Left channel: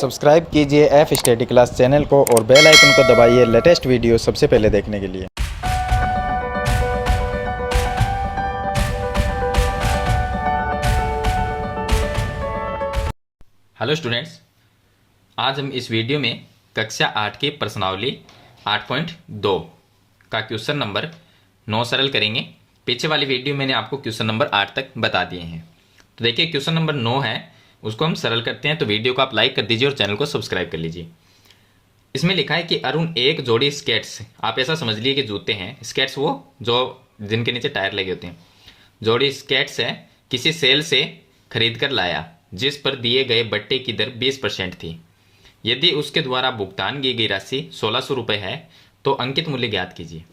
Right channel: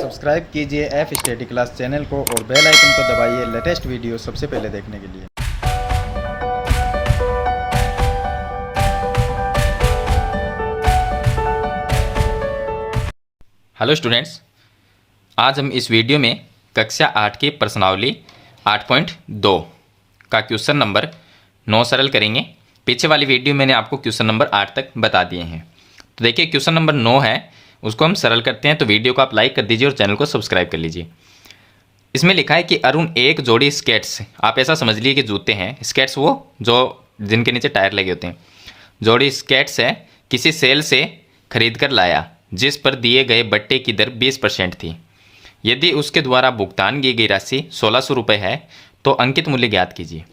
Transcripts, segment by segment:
Subscribe कीजिए F study class channel को और बेल आइकन को दबाइए लेटेस्ट वीडियो सबसे पहले देखने के लिए। हेलो स्टूडेंट्स, आज हम इस वीडियो में कक्षा 8 की प्रश्नावली 8.2 का क्वेश्चन नंबर 9 सरल करेंगे। पीछे वाली वीडियो मैंने आपको क्वेश्चन नंबर 8 तक बता दिए हैं। तो देखिए क्वेश्चन नंबर 9 है, उसको हम सरल करते हैं। तो वीडियो को आप लाइक कर दीजिए और चैनल को सब्सक्राइब कर लीजिए। इसमें लिखा है कि अरुण एक जोड़ी स्केट्स, आप ऐसा समझ लीजिए कि जूते हैं, स्केट्स वो जो जिनके नीचे टायर लगे होते हैं, जोड़ी स्केट्स है किसी सेल से खरीद कर लाया जिस पर दिए गए बट्टे की दर 20% थी। यदि उसके द्वारा भुगतान की गई राशि 1600 रुपये है तो अंकित मूल्य ज्ञात कीजिए।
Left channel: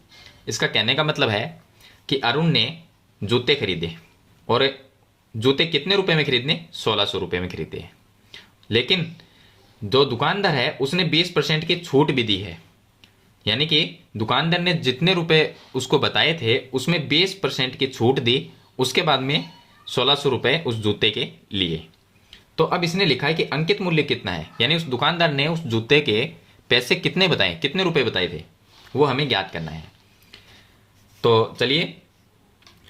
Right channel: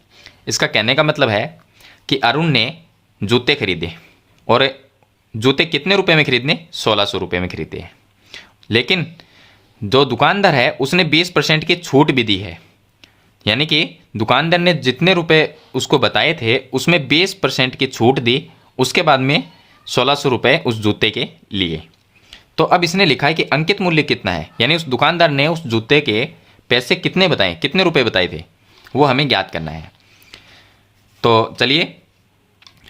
इसका कहने का मतलब है कि अरुण ने जूते खरीदे और जूते कितने रुपए में खरीदने, 1600 रुपये में खरीदे। लेकिन जो दुकानदार है उसने 20% की छूट भी दी है, यानी कि दुकानदार ने जितने रुपए उसको बताए थे उसमें 20% की छूट दी, उसके बाद में 1600 रुपये उस जूते के लिए। तो अब इसने लिखा है कि अंकित मूल्य कितना है, यानी उस दुकानदार ने उस जूते के पैसे कितने बताए, कितने रुपए बताए थे, वो हमें ज्ञात करना है। तो चलिए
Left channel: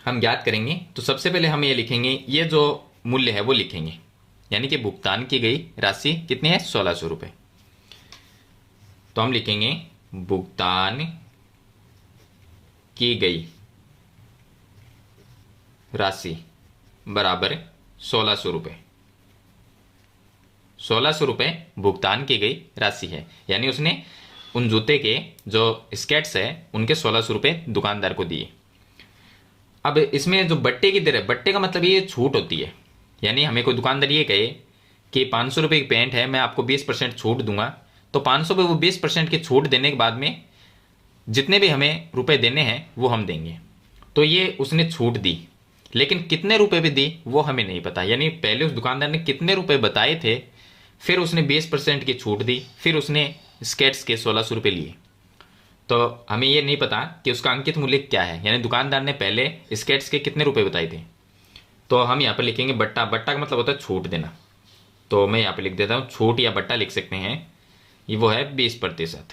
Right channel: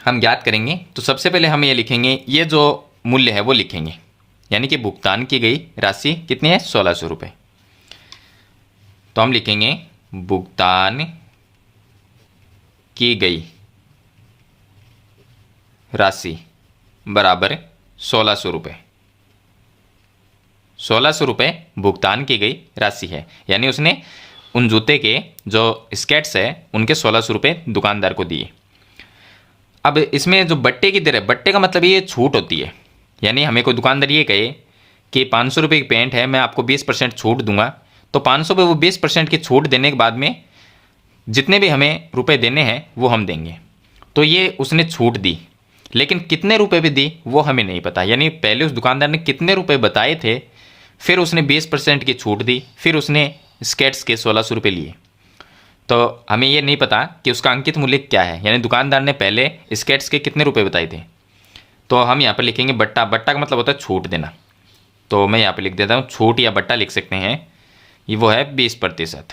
हम ज्ञात करेंगे। तो सबसे पहले हम ये लिखेंगे, ये जो मूल्य है वो लिखेंगे, यानी कि भुगतान की गई राशि कितनी है, 1600 रुपये। तो हम लिखेंगे भुगतान की गई राशि बराबर 1600 रुपये। 1600 रुपये भुगतान की गई राशि है, यानी उसने उन जूते के जो स्केट्स है उनके 1600 रुपये दुकानदार को दिए। अब इसमें जो बट्टे की दर है, बट्टे का मतलब ये छूट होती है, यानी हमें कोई दुकानदार ये कहे कि 500 रुपये की पेंट है, मैं आपको 20% छूट दूंगा, तो 500 पे वो 20% की छूट देने के बाद में जितने भी हमें रुपए देने हैं वो हम देंगे। तो ये उसने छूट दी, लेकिन कितने रुपए भी दी वो हमें नहीं पता, यानी पहले उस दुकानदार ने कितने रुपए बताए थे, फिर उसने 20% की छूट दी, फिर उसने स्केट्स के 1600 रुपये लिए। तो हमें ये नहीं पता कि उसका अंकित मूल्य क्या है, यानी दुकानदार ने पहले स्केट्स के कितने रुपए बताए थे। तो हम यहाँ पर लिखेंगे बट्टा। बट्टा का मतलब होता है छूट देना, तो मैं यहाँ पे लिख देता हूँ, छूट या बट्टा लिख सकते हैं, ये वो है 20%।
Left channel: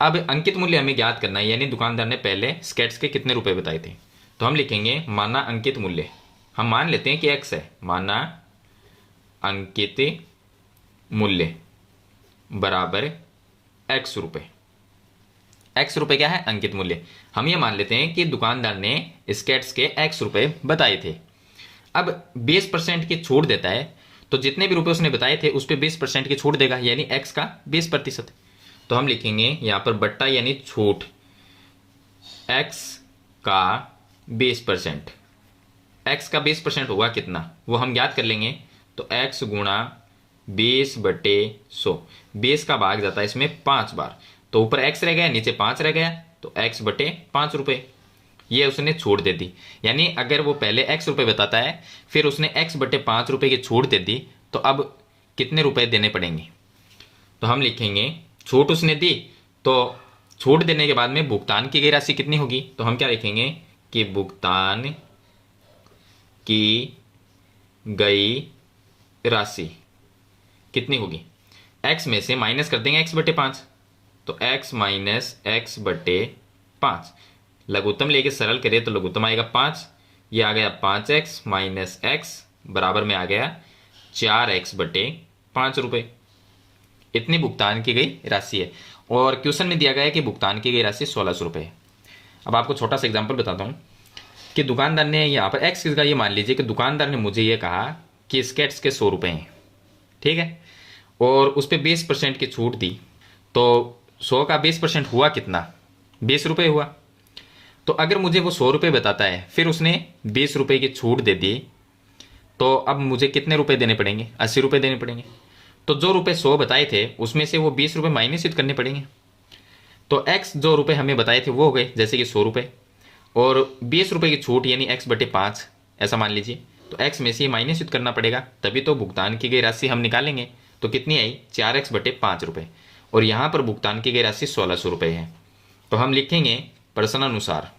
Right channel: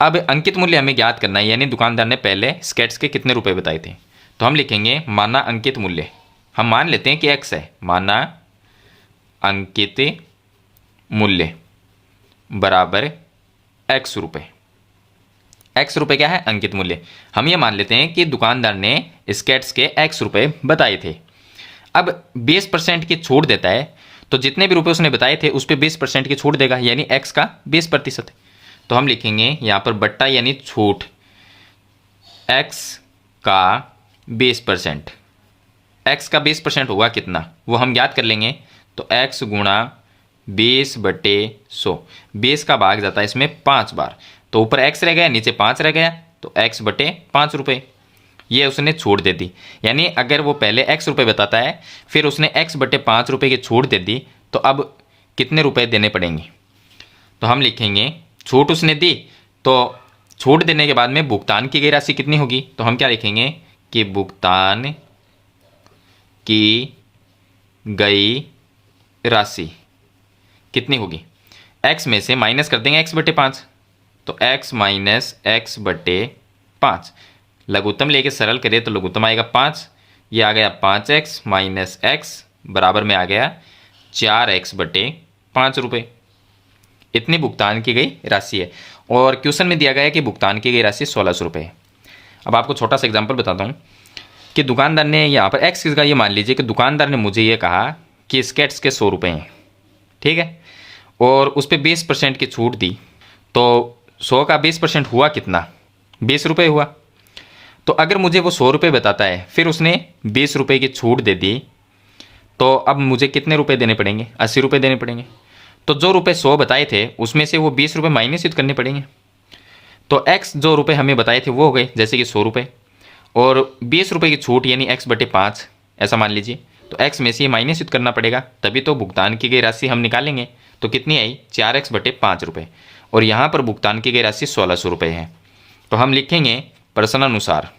अब अंकित मूल्य हमें ज्ञात करना है, यानी दुकानदार ने पहले स्केट्स के कितने रुपए बताए थे। तो हम लिखेंगे माना अंकित मूल्य, हम मान लेते हैं कि x है, माना अंकित मूल्य बराबर x रुपये। x रुपये क्या है, अंकित मूल्य। हम ये मान लेते हैं कि दुकानदार ने स्केट्स के x रुपये बताए थे। अब 20% की छूट देता है, तो जितने भी रुपए उसने बताए थे उस पर 20% की छूट देगा, यानी x का 20%। तो हम लिखेंगे यहाँ पर बट्टा यानी छूट, x का 20%। x का 20% होगा कितना वो हम ज्ञात कर लेंगे। तो x गुणा 20/100, 20 का भाग जाता है इसमें 5 बार, तो ऊपर x रह गया, नीचे 5 रह गया, तो x/5 रुपये ये उसने छूट दे दी। यानी अगर वो पहले x रुपये बताता है फिर उसने x/5 रुपये की छूट दे दी, तो अब कितने रुपए देने पड़ेंगे। तो हम लिखेंगे छूट उसने दी, तो छूट देने के बाद में भुगतान की गई राशि कितनी होगी। तो हम क्या लिखेंगे कि भुगतान की गई राशि कितनी होगी, x में से माइनस कर देंगे x/5, तो x माइनस x/5, लघुत्तम लेके सरल करें तो लघुत्तम आएगा 5, ये आ गया 5x माइनस x बराबर में आ गया 4x/5 रुपये। इतनी भुगतान की गई राशि है, और क्वेश्चन में दिया गया है कि भुगतान की गई राशि 1600 रुपये है। अब आपको छोटा सा एग्जांपल बताता हूँ कि दुकानदार ने यहाँ पर x का ये मान लीजिए कि दुकानदार ने मुझे ये कहा कि स्केट्स के 100 रुपये हैं, ठीक है, और उस पर 20% की छूट दी, तो 100 का 20% हुआ कितना, 20 रुपये हुआ। तो अगर मुझे वो 100 रुपये बताता है फिर उसने 20 रुपये की छूट दे दी, तो अब मुझे कितने रुपए देने पड़ेंगे, 80 रुपये देने पड़ेंगे। तो जो रुपए 100 बताए थे उसमें से वो 20 रुपये माइनस करने पड़ेंगे। तो x जो रुपये हमें बताए थे वो हो गए जैसे कि 100 रुपये, और 20 रुपये की छूट यानी x/5 ऐसा मान लीजिए, तो x में से माइनस करना पड़ेगा, तभी तो भुगतान की गई राशि हम निकालेंगे। तो कितनी आई, 4x/5 रुपये, और यहाँ पर भुगतान की गई राशि 1600 रुपये है। तो हम लिखेंगे प्रश्नानुसार,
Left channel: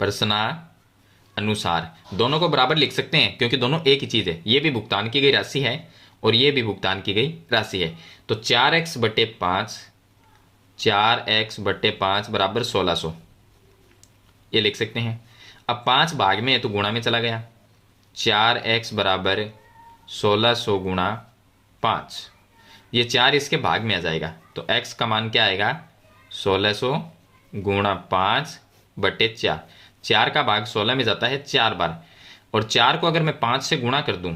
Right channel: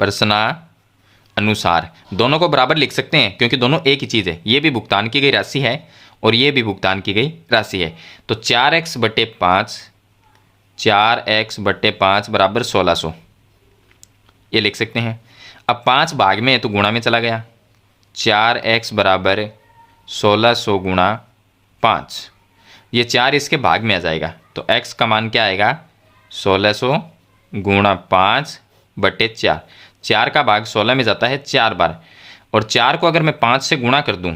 प्रश्नानुसार दोनों को बराबर लिख सकते हैं क्योंकि दोनों एक ही चीज़ है, ये भी भुगतान की गई राशि है और ये भी भुगतान की गई राशि है। तो 4x/5, 4x/5 बराबर 1600, ये लिख सकते हैं। अब 5 भाग में है तो गुणा में चला गया, 4x बराबर 1600 गुणा 5, ये 4 इसके भाग में आ जाएगा। तो x का मान क्या आएगा, 1600 गुणा 5/4। 4 का भाग 16 में जाता है 4 बार, और 4 को अगर मैं 5 से गुणा कर दूं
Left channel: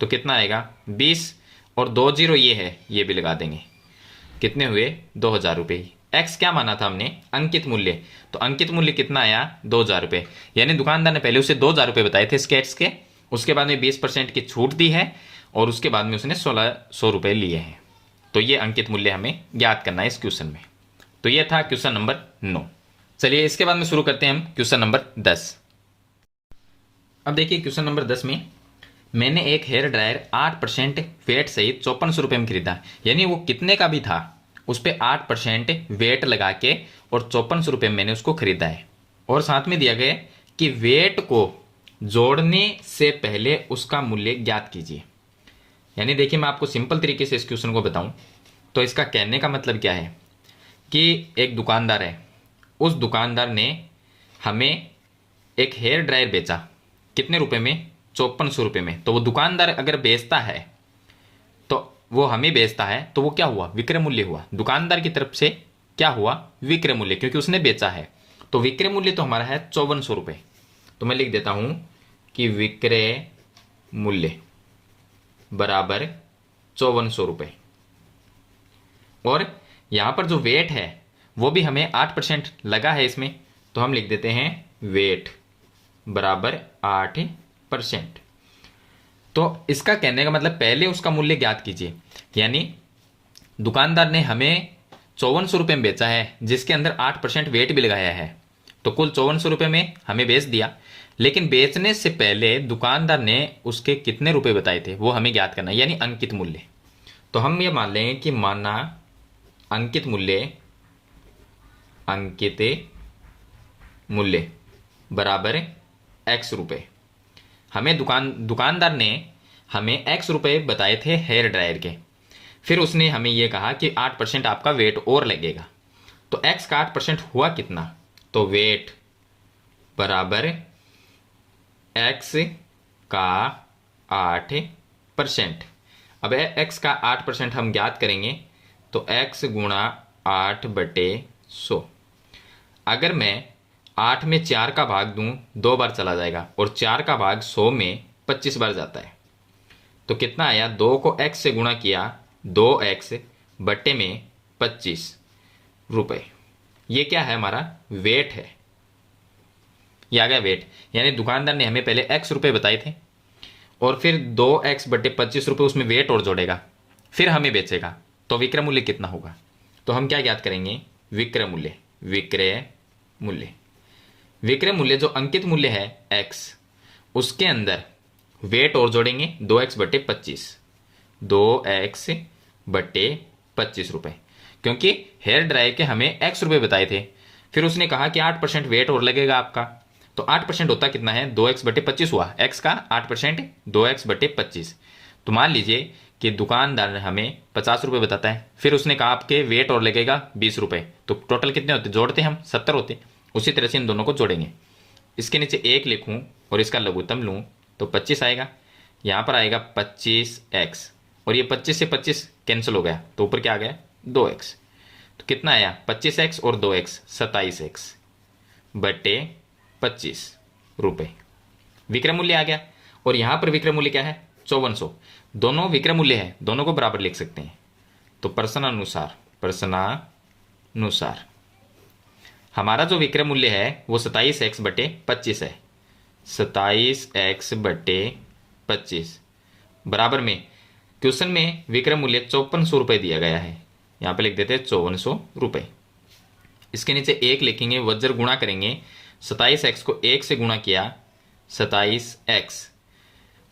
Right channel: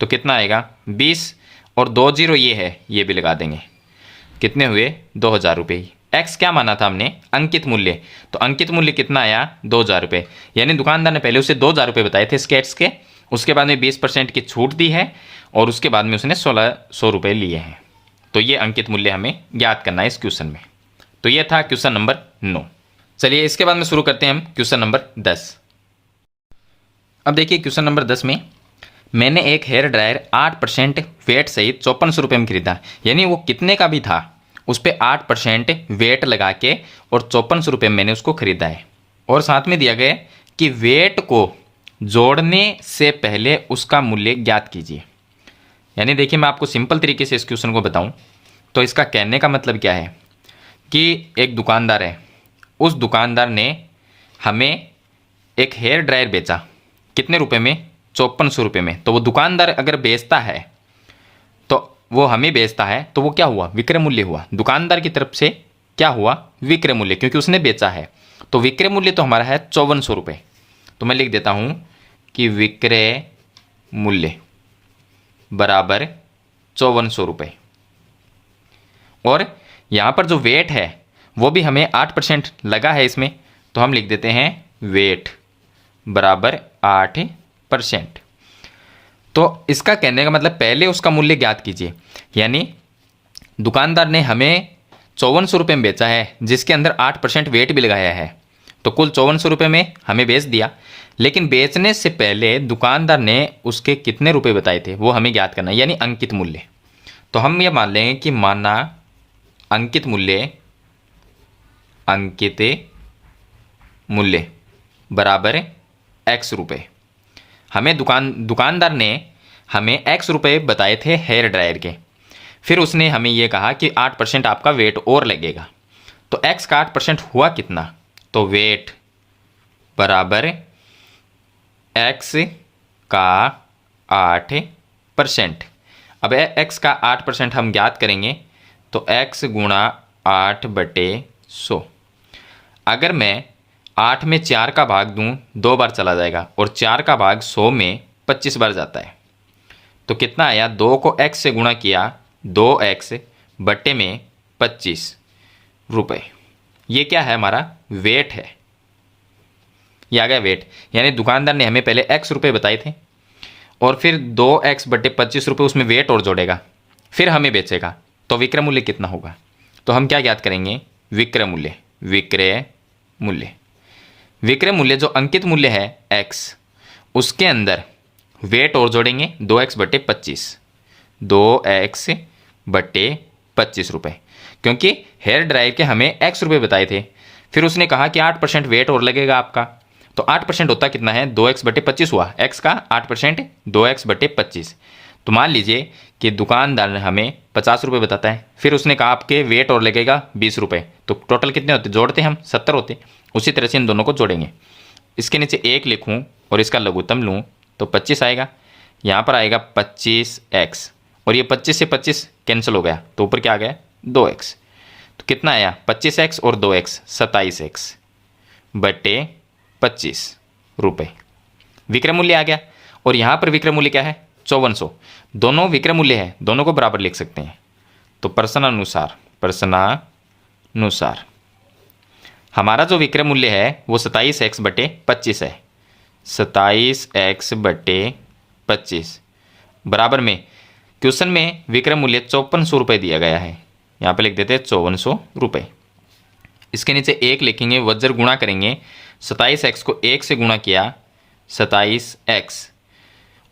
तो कितना आएगा, 20, और 2 जीरो ये है, ये भी लगा देंगे। कितने हुए, 2000 रुपये। एक्स क्या माना था हमने, अंकित मूल्य, तो अंकित मूल्य कितना आया, 2000 रुपये। यानी दुकानदार ने पहले उसे 2000 रुपये बताए थे स्केट्स के, उसके बाद में 20% की छूट दी है, और उसके बाद में उसने 1600 रुपये लिए हैं। तो ये अंकित मूल्य हमें ज्ञात करना है इस क्वेश्चन में। तो ये था क्वेश्चन नंबर 9। चलिए इसके बाद में शुरू करते हैं हम क्वेश्चन नंबर 10। अब देखिए क्वेश्चन नंबर 10 में, मैंने एक हेयर ड्रायर 8% वेट सहित 5400 रुपये में खरीदा। यानी वो कितने का भी था, उस पर 8% वेट लगा के और 5400 रुपये में मैंने उसको खरीदा है। और साथ में दिया गया कि वेट को जोड़ने से पहले उसका मूल्य ज्ञात कीजिए। यानी देखिए मैं आपको सिंपल तरीके से इस क्वेश्चन को बताऊं तो इसका कहने का मतलब क्या है कि एक दुकानदार है, उस दुकानदार ने हमें एक हेयर ड्रायर बेचा, कितने रुपए में, 5400 रुपये में। तो वो दुकानदार अगर बेचता है तो वो हमें बेचता है, तो वो क्या हुआ, विक्रय मूल्य हुआ। दुकानदार की तरफ से क्या हुआ, विक्रय मूल्य, क्योंकि उसने बेचा है। तो विक्रय मूल्य तो हमारा है 5400 रुपये। तो मैं लिख देता हूं कि विक्रय मूल्य बराबर 5400 रुपये। और यहां पर जो वेट है वो भी हमें 8% लगा है इसमें, तो हम लिख देते हैं वेट बराबर 8%। तो इसका कहने का मतलब पहले उसका मूल्य ज्ञात कीजिए। यानी दुकानदार ने हमें 5400 रुपये में बेचा है, जिसके अंदर 8% वेट भी लगाया है, तो कुल 5400 रुपये में हमें बेच दिया। लेकिन बेचने से पहले दुकानदार ने उसके कितने रुपए बताए थे वो हमें ज्ञात करना है, यानी अंकित मूल्य। तो हम ये मान लेंगे कि माना अंकित मूल्य बराबर x रुपये। हमें दुकानदार ने हमें x रुपये बताए थे हेयर ड्रायर के। फिर उसने हमें ये कहा कि 8% आपका वेट और लगेगा। तो x का 8% हुआ कितना, तो वेट बराबर x का 8%। अब x का 8% हम ज्ञात करेंगे तो x गुणा 8/100। अगर मैं 8 में 4 का भाग दूं 2 बार चला जाएगा, और 4 का भाग 100 में 25 बार जाता है। तो कितना आया, 2 को x से गुणा किया, 2x/25 रुपये। ये क्या है, हमारा वेट है। ये आ गया वेट। यानी दुकानदार ने हमें पहले x रुपये बताए थे, और फिर 2x/25 रुपये उसमें वेट और जोड़ेगा, फिर हमें बेचेगा। तो विक्रय मूल्य कितना होगा, तो हम क्या ज्ञात करेंगे, विक्रय मूल्य। विक्रय मूल्य जो अंकित मूल्य है x, उसके अंदर वेट और जोड़ेंगे, 2x/25, 2x/25 रुपये। क्योंकि हेयर ड्रायर के हमें x रुपये बताए थे, फिर उसने कहा कि 8% वेट और लगेगा आपका। तो 8% होता कितना है, 2x/25 हुआ, x का 8% 2x/25। तो मान लीजिए कि दुकानदार ने हमें 50 रुपये बताता है, फिर उसने कहा आपके वेट और लगेगा 20 रुपये। तो टोटल कितने होते, जोड़ते हम 70 होते। उसी तरह से इन दोनों को जोड़ेंगे। इसके नीचे 1 लिखूं और इसका लघुत्तम लूं तो 25 आएगा। यहाँ पर आएगा 25x, और ये 25 से 25 कैंसिल हो गया, तो ऊपर क्या आ गया, 2x। तो कितना आया, 25x और 2x 27x/25 रुपये विक्रय मूल्य आ गया। और यहाँ पर विक्रय मूल्य क्या है, 5400। दोनों विक्रय मूल्य है, दोनों को बराबर लिख सकते हैं। तो प्रश्नानुसार हमारा जो विक्रय मूल्य है वो 27x/25 है। 27x/25 बराबर में क्वेश्चन में विक्रय मूल्य 5400 रुपये दिया गया है, यहाँ पे लिख देते हैं 5400 रुपये। इसके नीचे 1 लिखेंगे, वज्र गुणा करेंगे, 27x को 1 से गुणा किया 27x,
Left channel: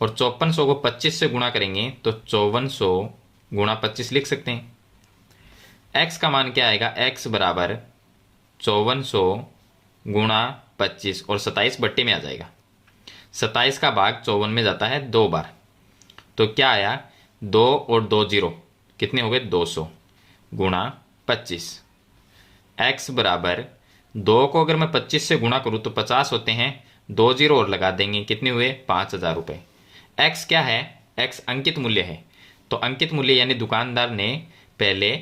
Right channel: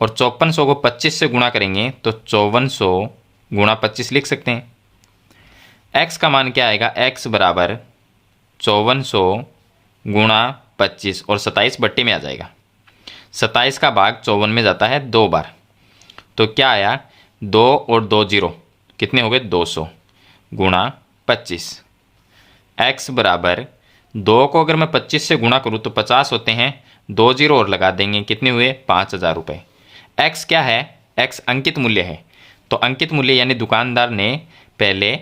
और 5400 को 25 से गुणा करेंगे तो 5400 गुणा 25 लिख सकते हैं। x का मान क्या आएगा, x बराबर 5400 गुणा 25, और 27 बट्टे में आ जाएगा। 27 का भाग 54 में जाता है 2 बार। तो क्या आया, 2 और 2 जीरो कितने हो गए 200 गुणा 25। x बराबर 2 को अगर मैं 25 से गुणा करूँ तो 50 होते हैं, 2 जीरो और लगा देंगे, कितने हुए 5000 रुपये। x क्या है, x अंकित मूल्य है, तो अंकित मूल्य यानी दुकानदार ने पहले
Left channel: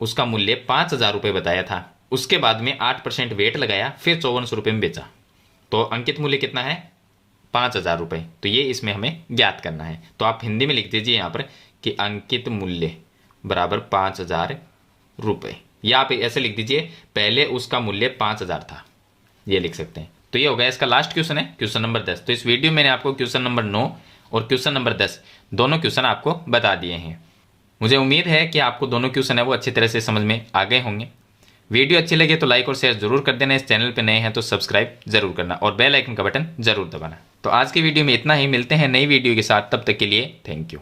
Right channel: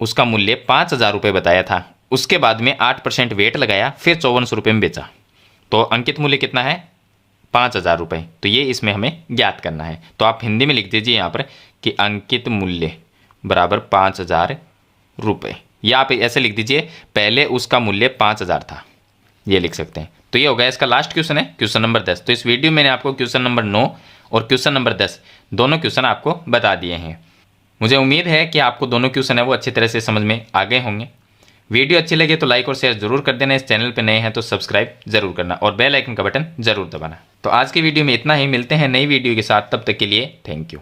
उसका मूल्य 5000 रुपये बताया था, उसके बाद में 8% वेट लगाया, फिर 5400 रुपये में बेचा, तो अंकित मूल्य कितना है 5000 रुपये। तो ये इसमें हमें ज्ञात करना है। तो आप हिंदी में लिख दीजिए यहाँ पर कि अंकित मूल्य बराबर 5000 रुपये, या आप ऐसे लिख दीजिए पहले उसका मूल्य 5000 था, ये लिख सकते हैं। तो ये हो गया इसका लास्ट क्वेश्चन है, क्वेश्चन नंबर 10। तो इस वीडियो में मैंने आपको क्वेश्चन नंबर 9 और क्वेश्चन नंबर 10 दोनों क्वेश्चन आपको बता दिए हैं। मुझे उम्मीद है कि आपको दोनों क्वेश्चन है वो अच्छी तरह से समझ में आ गए होंगे। वीडियो अच्छी लगे तो लाइक और शेयर जरूर कर देना, इस चैनल पे नए हैं तो सब्सक्राइब जरूर करना और बेल आइकन का बटन जरूर दबाना। तो आज की वीडियो में इतना ही, मिलते हैं नई वीडियो के साथ, तब तक के लिए थैंक यू।